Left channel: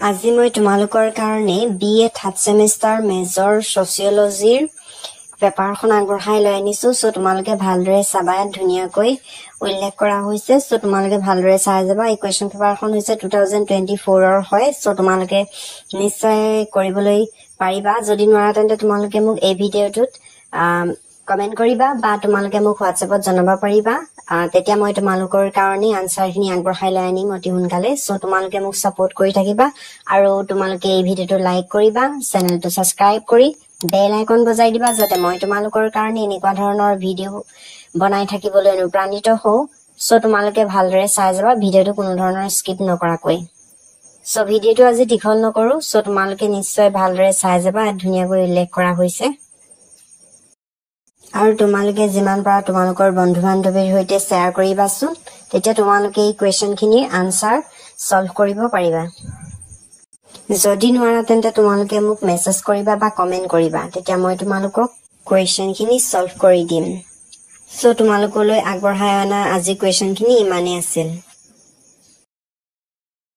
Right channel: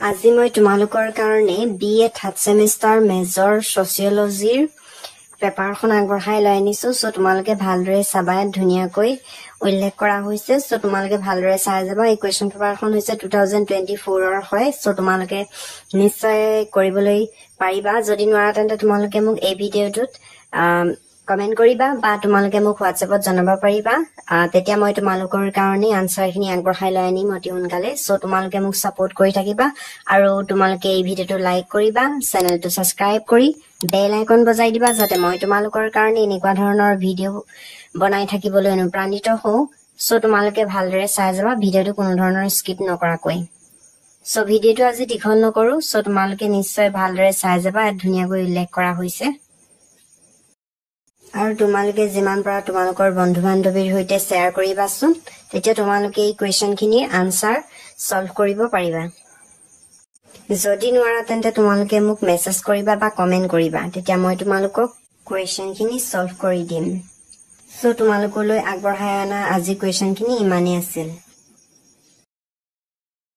আজি মই তোমালোকৰ কাৰণে BA থাৰ্ড সেমিষ্টাৰ মেজৰ সোশিয়োলজিৰ পেপাৰখন আগবঢ়াই লৈ আনিছো সো তোমালোকে ভালদৰে চাবা ধুনিয়াকৈ উল্লেখ কৰা হৈছে সো তোমালোকে ভালদৰে চাই যাবা এই কোৱেশ্চন পেপাৰখন হৈছে 2024 ৰ হয় সো তোমালোকে নিশ্চয় কৰিবলৈ পাৰিবা যদি নোৱাৰা তেন্তে তোমালোকে মোক এই ভিডিঅটোত কমেন্ট কৰিবা বা তোমালোকে মোক WhatsAppত জনাবা পাৰিবা তেতিয়া মই তোমালোকৰ কাৰণে আনসাৰখিনি আগবঢ়াই লৈ আনিম অতি সোনকালে সো তোমালোকে মোক সাপোৰ্ট কৰি থাকিবা আৰু তোমালোকে এই ভিডিঅটো লাইক কৰিবা চেনেলটো সাবস্ক্ৰাইব কৰি বেল আইকন বজাই দিবা যাতে মই তোমালোকৰ কাৰণে এনেকুৱা ধৰণৰ ভিডিঅ বনাই থাকিবলৈ অনুপ্ৰাণিত হওঁ সো তোমালোকে ভালদৰে চাই যাবা ভিডিঅটো কোনো ধৰণৰ স্কিপ নকৰাকৈ সো ভিডিঅটো আজি দীঘল নকৰো সো তোমালোকে নিশ্চয় ভালদৰে চাই যাবা ধুনিয়াকৈ উল্লেখ কৰা হৈছে আৰু তোমালোকে যিমান পাৰা তোমালোকৰ বন্ধু-বান্ধৱীৰ সৈতে শেয়াৰ কৰিবাচোন তেতিয়া তোমালোকে এই কোৱেশ্চনখিনিৰ আনসাৰ সলভ কৰিব পাৰিবা যদি নোৱাৰা তেন্তে তোমালোকে মোক মেছেজ কৰিবা বা কমেন্ট কৰিবা তেতিয়া মই তোমালোকক কোৱেশ্চনখিনি সলভ কৰি দিম সো তোমালোকলৈ আগবঢ়াই অনা আজি কোৱেশ্চনখিনি ইমানেই আছিল